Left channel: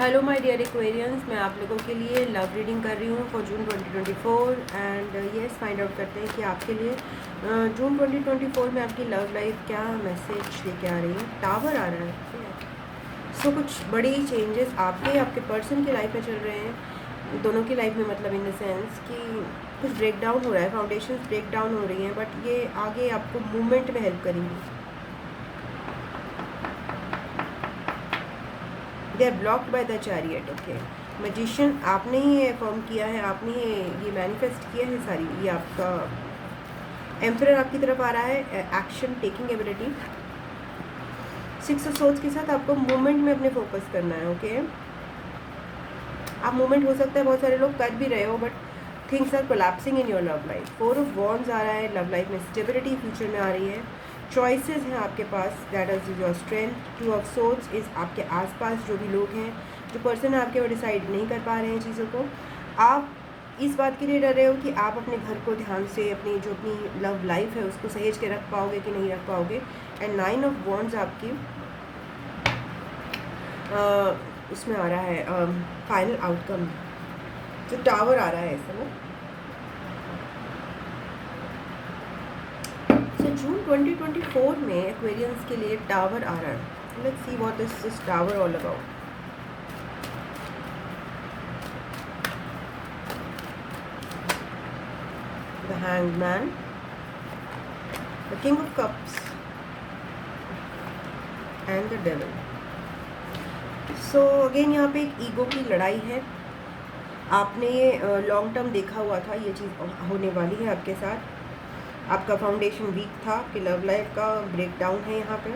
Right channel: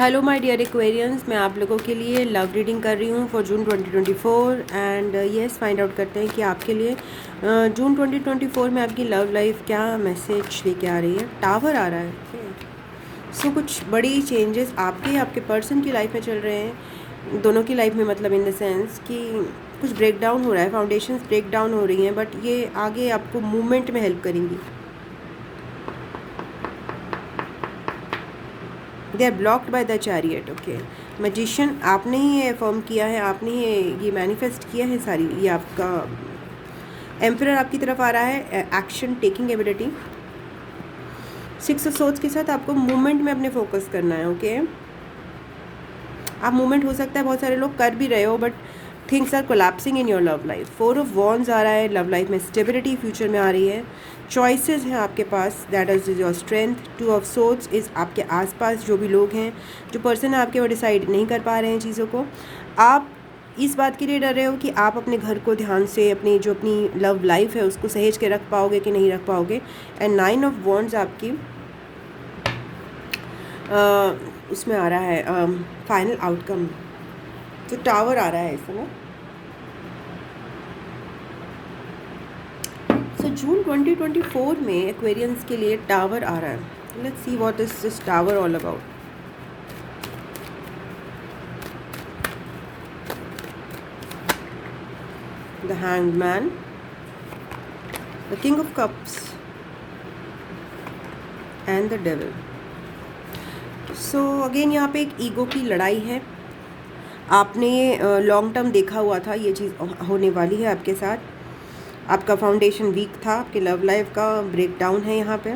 Hello my dear Aquarians, मैं आप लोगों के लिए लव रीडिंग कर रही हूँ for June 2024 and yes find out करते हैं कि आपके लिए जून 2024 में आपकी लव लाइफ क्या मैसेज लेके आ रही है। टावर आ रहा है। सो कुछ बड़ी चेंजेस आपके पर्सन की लाइफ में चल रहे हैं, दोनों की लाइफ में, मतलब इन द सेंस कि कुछ ब्रेक डाउन हो रहा है, फाउंडेशंस ब्रेक डाउन हो रही हैं, बट ये आगे आपको मूवमेंट में हेल्प करेंगी। They are blocked by the chariot. Okay, magician आपने ही ये फॉर्म किया है, आपने ही ये मैनिफेस्ट किया है सारी। ये आपका एम्परर आपकी तरफ आ रहा है, action taking ability. Six of swords के साथ आपको मूवमेंट में अपने फोकस करना है। ओके, आप मूवमेंट हो सकता है बहुत सारे लोग कर भी रहे हो, but things are collapsing in your love life. Four of wands आ रहा है, लव लाइफ में स्टेबिलिटी फ्यूचर में आ रही है। चॉइसेस हैं आपके पास, that is your strength. Two of swords is आपके आसपास जो भी लोग हैं, जो पर्सन है आपके, वो डिसाइड नहीं कर पा रहे हैं चीज़ों को। आप इस बात के लिए डर रहे हो कि आप अपने घर को ध्यान से, अपनी लव लाइफ है उसको सहेज के रख पाओगे कि नहीं रख पाओगे। एंड नाइन ऑफ वॉन्ड्स आपकी उसमें आ रहा है फाइनल आउटकम। तो टावर आ रहा है ऐसा ना। जून 2024 में एक्वेरियंस के लिए टावर आ रहा है। Let's see what is this tower all about. The hanged man, the king of cups and the devil. So again यहाँ पे एक ईगो की लड़ाई है। आपने ये लॉन्ग टर्म देखा हुआ था, ये चीज़ होने वाली है आपके साथ। आपका फाउंडेशन वीक था, आपके लव लाइफ का ब्रेक डाउन है यहाँ पे।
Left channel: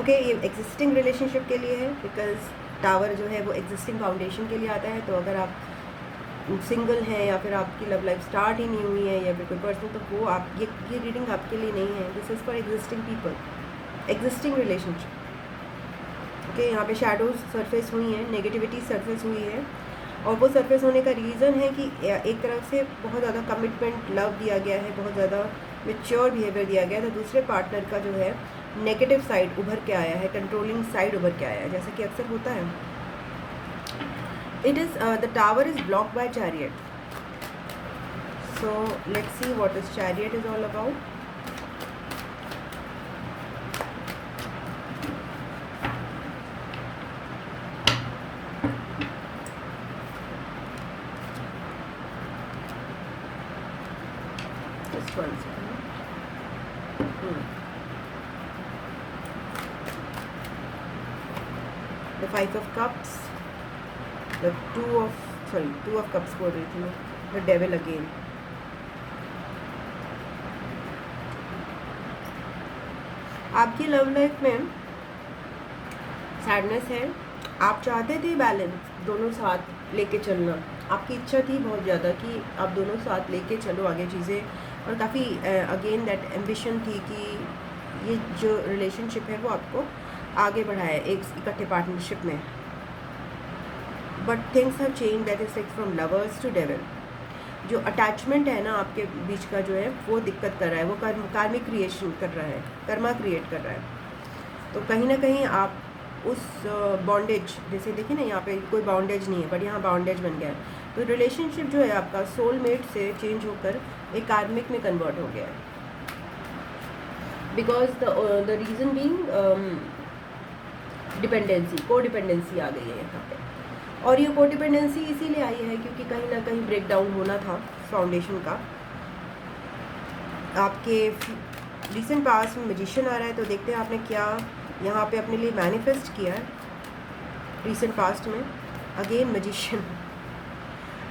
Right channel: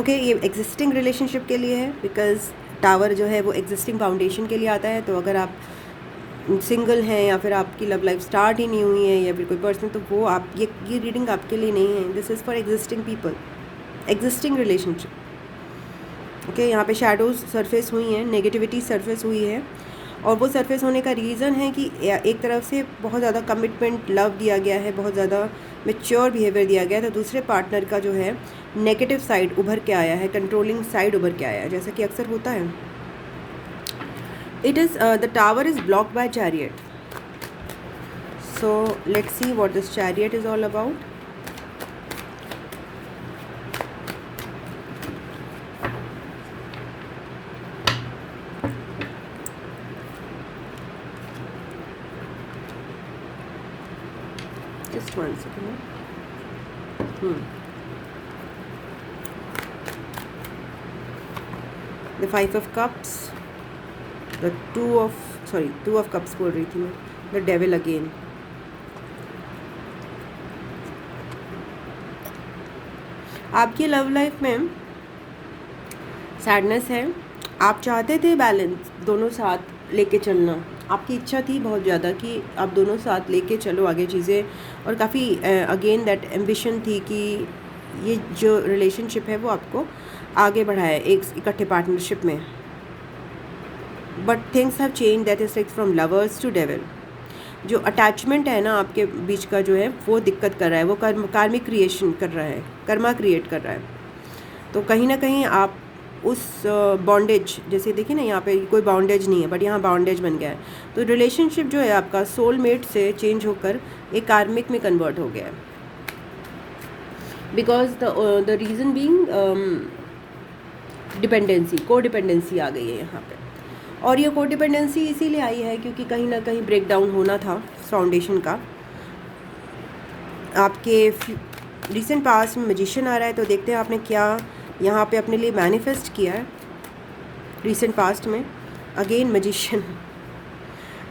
ओके, ये एग्जिस्टिंग रिलेशनशिप के लिए है, बिकॉज टावर जो है वो एग्जिस्टिंग फाउंडेशन के लिए आता है। तो अगर आप सिंगल हैं या फिर आपकी लव लाइफ स्टार्ट ही नहीं हुई है या फिर कोई पर्सन, तो वो आप ये रीडिंग आपके लिए नहीं है। This is for existing people, existing relationship. Okay, यहाँ पे शैडोज सरफेस हुई हैं, नेगेटिविटी सरफेस हुई है, और वो सरफेस होने का रीज़न है कि एक तरफ से बहुत ज़्यादा कमिटमेंट लव दिया गया है, बहुत ज़्यादा मैच्योर बिहेवियर दिया गया है, तो दूसरे पार्टनर का जो है नेगेटिव साइड उभर के आया है, कंट्रोलिंग साइड उभर के आया है, जैसा कि अक्सर होता है। It is the tower is blocked by chariot. So let's see what this chariot is all about. Just one second. The Five of Cups, the Two of Cups बोल रही थी मैं, the Devil again. आपकी love life में sadness है। आप चाहते थे बैलेंस, दोनों साथ लेके चलना, आपकी इच्छा थी बहुत ज़्यादा कि आप दोनों साथ लेके चलो आगे चीज़ें, और काफ़ी अगेन दैट एम्बिशन थी कि ये जो रिलेशनशिप है वो आपको आगे बढ़ाए एक इकट्ठे पार्टनरशिप में। But things have change, that is like from lovers to devil. जो अटैचमेंट है ना आपके बीच का जो है वो दिक्कत कर रहा है, वो कार्मिक क्रिएशन कर रहा है, कर्मा क्रिएट कर रहा है। तो कहीं ना कहीं आप उस बॉन्डेज, जैसे देखिए ना यहाँ पे कोई बॉन्डेज नहीं है बट यहाँ बॉन्डेज बन गया है। तो रिलेशनशिप जो है आपका सोलमेट से चेंज होकर एक कार्मिक में कन्वर्ट हो गया है, because the reason being dependency, को डिपेंडेंसी आ गई है यहाँ पे। और ये को डिपेंडेंसी इसीलिए आई है क्योंकि कहीं ना कहीं ब्रेक डाउन होना था फाउंडेशन का। आपके रिसेंट पास्ट में मैजिशियन आ रहा है, तो देखते हैं आपने क्या यहाँ पे अपने लिए मैनिफेस्ट किया है रिसेंट पास्ट में। अगेन मैजिशियन,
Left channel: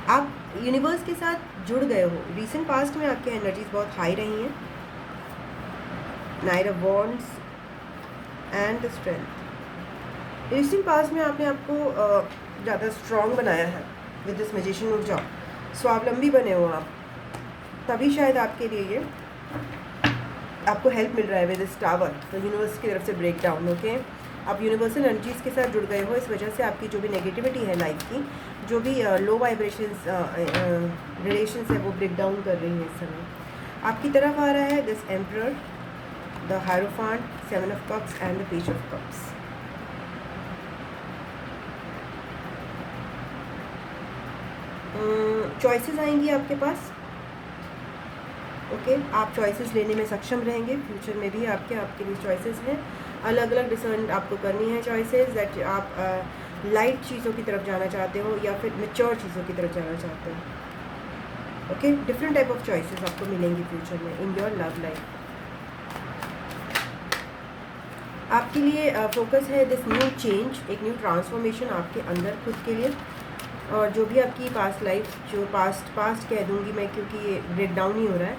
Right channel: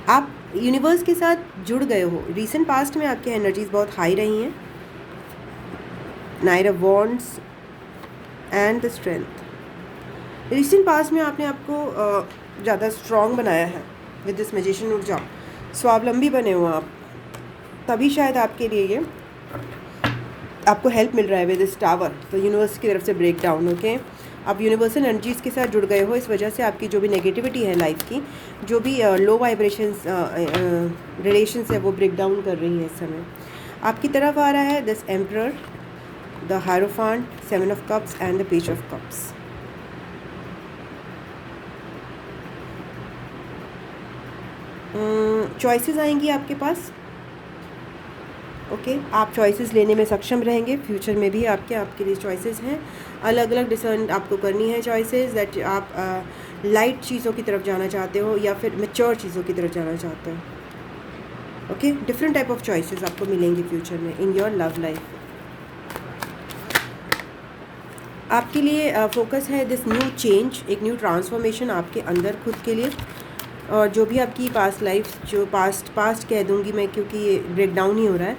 आप यूनिवर्स के साथ जुड़ गए हो। रिसेंट पास्ट में आपकी एनर्जीज बहुत हाई रही हैं। Night of wands and the strength. Recent past में आपने आपको ज़्यादा स्ट्रॉन्ग बनाया है विद दिस मैजिशियन ऊर्जा। स्वावलंबी बने हो आप, तभी शायद आपके लिए ये आपको हेल्प मिल रहा है विद दिस टावर। तो यूनिवर्स की तरफ से ब्रेक डाउन होके आप यूनिवर्सल एनर्जीज़ के साथ जुड़ गए हो। इस वजह से आपकी जो भी नेगेटिविटी है लाइफ की, जो भी लो वाइब्रेशंस रिलेशंस है, वो ब्रेक डाउन कर रही हैं इस समय। आपकी तरफ आ रहा है this emperor, the hierophant, seven of cups and the page of cups. Choices आएंगी आपके पास। ओके, आप चॉइसेस लेने में सक्षम रहेंगे। फ्यूचर में भी आपके लिए चॉइसेस हैं, अलग अलग डिसीजन आपको करनी है। चॉइसेस दैट आप लाइट चीज़ों की तरफ जाना चाहते हो या फिर मैच्योर चीज़ों की तरफ जाना चाहते हो। Okay, different type of choices आपको मिलेंगी फ्यूचर में इन योर लव लाइफ। आपके लिए फोकस है दिस न्यू चेंज, एक न्यू ट्रांसफॉर्मेशन आपके अंदर खुद के लिए। और जो भी आपकी पास्ट लाइफ, जो पास्ट कह दूंगी मैं क्योंकि ये ब्रेक डाउन ही हो रहा है,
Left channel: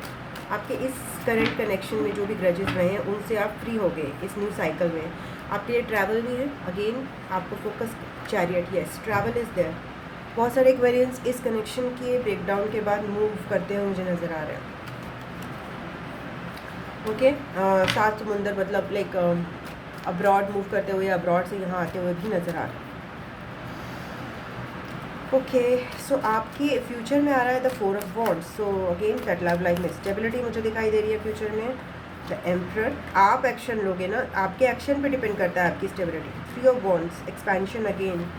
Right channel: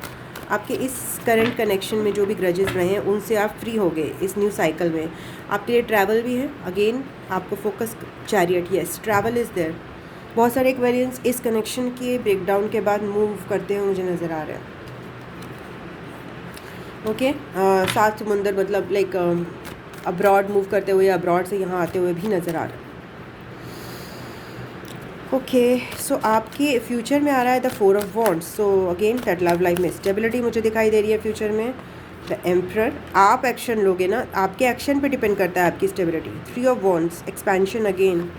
आपके इस करंट कनेक्शन में जो भी ग्रजेस रहे हैं उनसे आप फ्री हो गए इस न्यू साइकिल में। आपके लिए ट्रैवल भी है। अगेन आपको focus chariot, yes travel is there. बहुत सारे एक्वेरियंस इस कनेक्शन के ब्रेक डाउन के बाद मूव करते हुए मुझे नज़र आ रहे हैं। ओके, सात समुंदर मतलब लाइक अब्रॉड मूव करते हुए, अब्रॉड से यहाँ आते हुए भी नज़र आ रहा है। ओके, सो आपके फ्यूचर में आ रहा है the 4 of wands. So again that love life में स्टेबिलिटी मुझे दिखाई दे रही है फ्यूचर में। द एम्परर, आप एक्शन लोगे ना, आपके एक्शन पे डिपेंड करता है आपकी stability. 3 of wands, expansion again,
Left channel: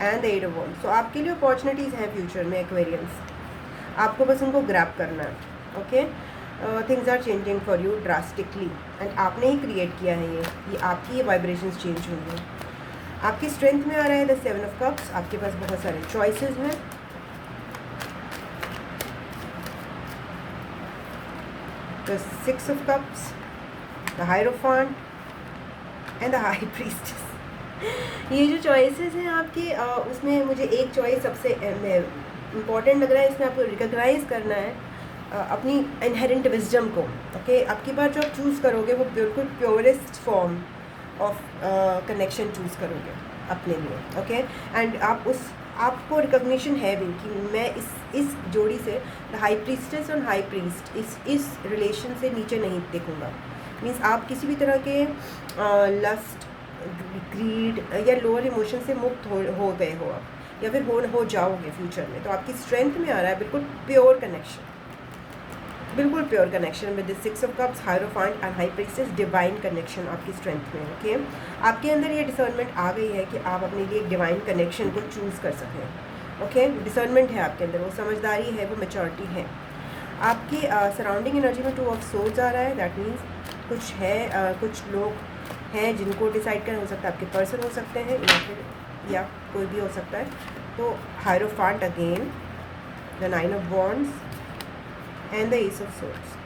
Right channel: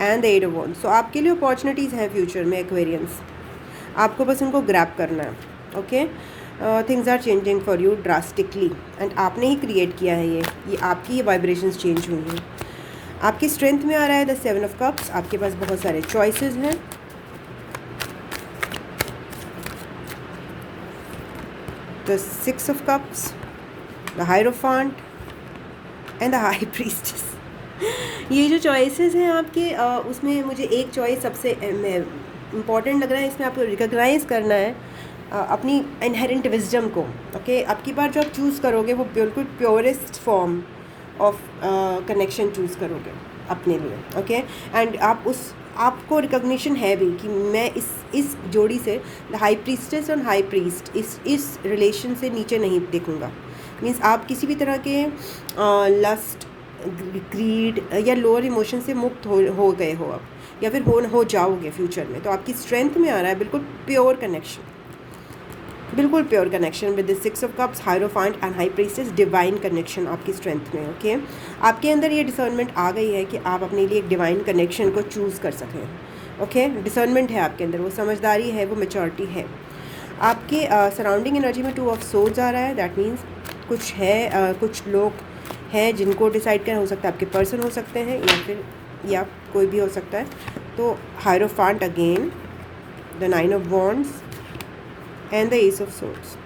and the 8 of wands. So आपके लिए अपॉर्चुनिटीज़ हैं फ्यूचर में एक्वेरियंस, आपको बस उनको ग्रैब करना है। Okay, things are changing for you drastically and आपने ही क्रिएट किया है ये आपकी वाइब्रेशंस चेंज हुई हैं। आपकी स्ट्रेंथ में आ रहा है द 7 ऑफ कप्स। आपके पास बहुत सारे चॉइसेस हैं। The 6 of cups, the hierophant and the high priestess. ये जो चॉइसेस हैं आपके, उसमें मुझे एक चॉइस सबसे इम्पॉर्टेंट लग रहा है। इसमें आपको रिकॉग्नाइज करना है अपनी इनहेरेंट विजडम को। ओके, आपकी बार जो आप चूज़ करोगे वो बिल्कुल purest form of connection choose करोगे अपने लिए। ओके, एंड आपको रिकॉग्निशन है भी कि मैं इस जोड़ी से the high priestess and high priest इस रिलेशन से नीचे नहीं देखूँगा। मीन्स आप किसी भी तरह के लस्ट, ग्रीड या लोअर इमोशन से मुक्त हो गए हो आप, या फिर हो जाओगे फ्यूचर में। तो आपकी स्ट्रेंथ में आ रहा है बिल्कुल प्योर कनेक्शन, बिल्कुल pure connection with the 6 of cups, hierophant and high priestess. Divine connection आपकी स्ट्रेंथ में। ओके, आपके अंदर ये डिसर्नमेंट आ गई है कि आप अपने लिए एक डिवाइन कनेक्शन को चूज़ कर सकें। ओके, डिसर्नमेंट है आपके अंदर, वो समझदारी है, वो मैच्योरिटी है। आपके सराउंडिंग एनर्जी में 2 ऑफ सोर्ड्स आ रहा है। दैट मीन्स कुछ है, कुछ लोग हैं जिनको डिसाइड करना, हो सकता है आपके पर्सन हो सकते हैं या कोई भी हो सकता है। तो hierophant again, the 9 of wands and the ace of swords.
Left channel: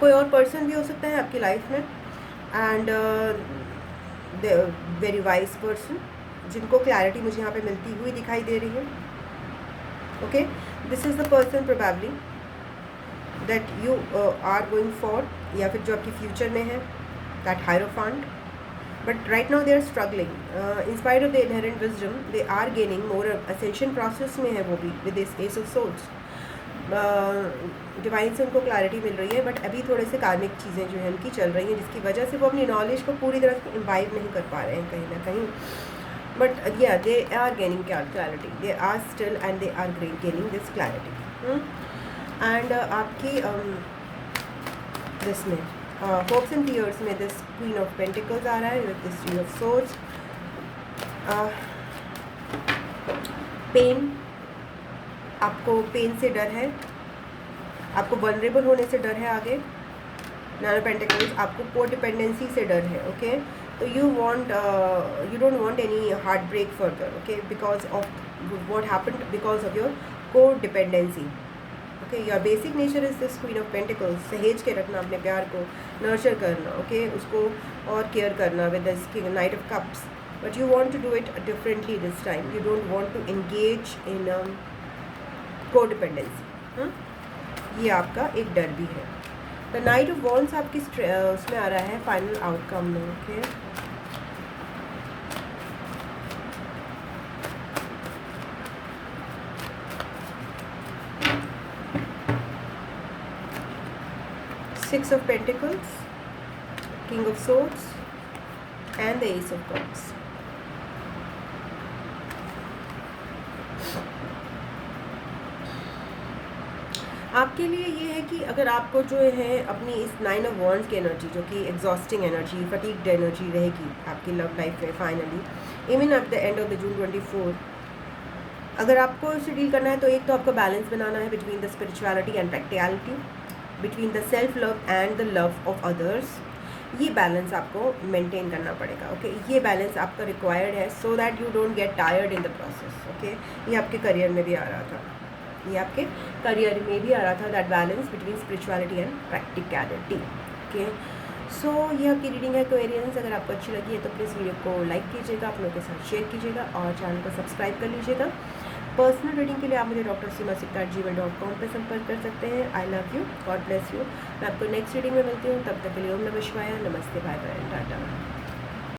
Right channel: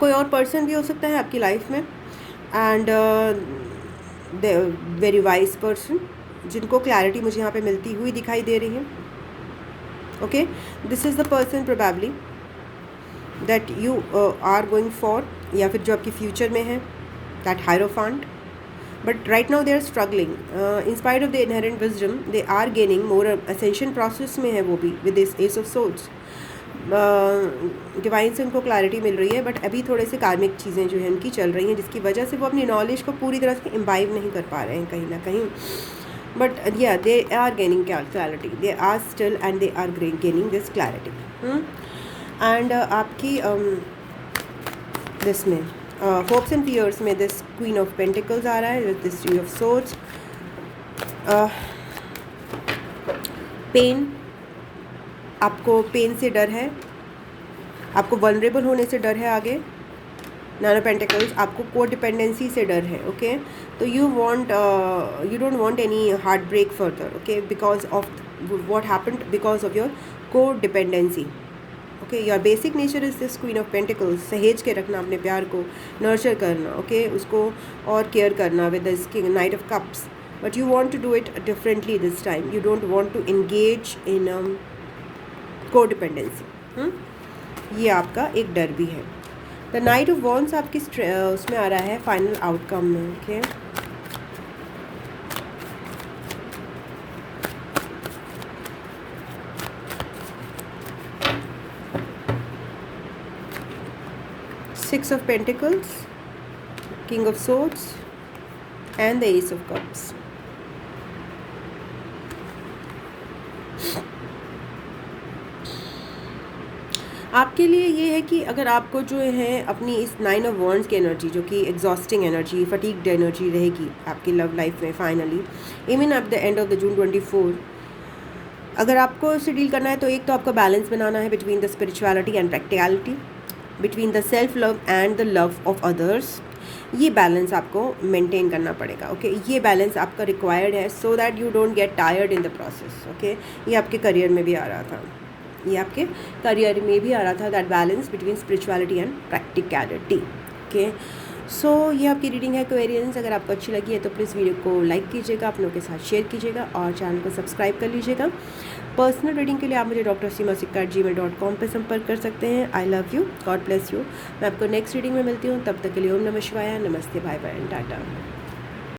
कोई और पर्सन भी हो सकता है आपकी लाइफ में, and the very wise person जिनको क्लैरिटी मुझे यहाँ पे मिलती हुई दिखाई दे रही है। Okay, this is the person probably that you are going for, या फिर जो आपके फ्यूचर में है, that hierophant. But right now they are struggling in spite of the inherent wisdom, they are gaining more ascension process में है वो भी with this ace of swords. Divine से उनको क्लैरिटी मिल रही है, बट अभी थोड़े से कार्मिक चीज़ें जो हैं उनकी चल रही हैं, जिसकी वजह से वो अपनी नॉलेज को पूरी तरह से इम्बाइव नहीं कर पा रहे हैं कहीं ना कहीं। बट या they are gaining clarity, they are still and they are gaining this clarity. And आपकी दिस में होप्स एंड फियर्स में दिस क्वीन ऑफ पेंटिकल्स आ रहा है, this three of swords. Pain, आपको पेन से डर है, आपको वल्नरेबल होने से डर है। आगे नाइन ऑफ पेंटिकल्स, आपको कोडिपेंडेंसी से डर है। ओके, तो you don't want any heartbreak further. Okay, because of what happened, because of your codependency. Okay, your basic nature is this queen of pentacles, सहेज के रखना अपने प्यार को, नर्चर करना। ओके, उसको और केयर करना with this knight of cups. But you want to do it differently this time, you don't want to engage in codependency. ये आपका एक डर भी है। द नाइट ऑफ वॉन्ड्स आपकी उसमें आ रहा है फाइनल आउटकम में। Okay, six of pentacles, king of swords and the ace of cups. आपके लिए ये है कि अगर आपको जो है अपनी इस नाइन ऑफ वॉन्ड्स की एनर्जी, जो कि एग्जॉस्टिंग एनर्जी, फटीग्ड एनर्जी रहेगी आपकी लव लाइफ में finally, even at the end of the June 24, अगर आपको इससे डील करना है तो एक तो आपको बैलेंस बनाना है between the spirituality and practicality, between the self love and the love of others. ये बैलेंस आपको मेंटेन करना पड़ेगा। ओके, ये बैलेंस आपका रिक्वायर्ड है so that you don't get tired in the process. Okay, ये आपके करियर में भी आ रहा था, ये आपके करियर में भी आ रहा था, that balance between spirituality and practicality. Okay, so ये आपकी रीडिंग है एक्वेरियंस। अगर आपको अच्छी लगी है तो प्लीज़ वीडियो को लाइक कीजिएगा, अपनों के साथ शेयर कीजिएगा और चैनल को सब्सक्राइब कर लीजिएगा। पर्सनल रीडिंग के लिए आप मुझे drsimasikkar@gmail.com पर संपर्क कर सकते हैं। I love you, God bless you. मैं आपको नेक्स्ट रीडिंग में मिलती हूँ, तब तक के लिए ओम नमः शिवाय, नमस्ते, बाय बाय, टाटा।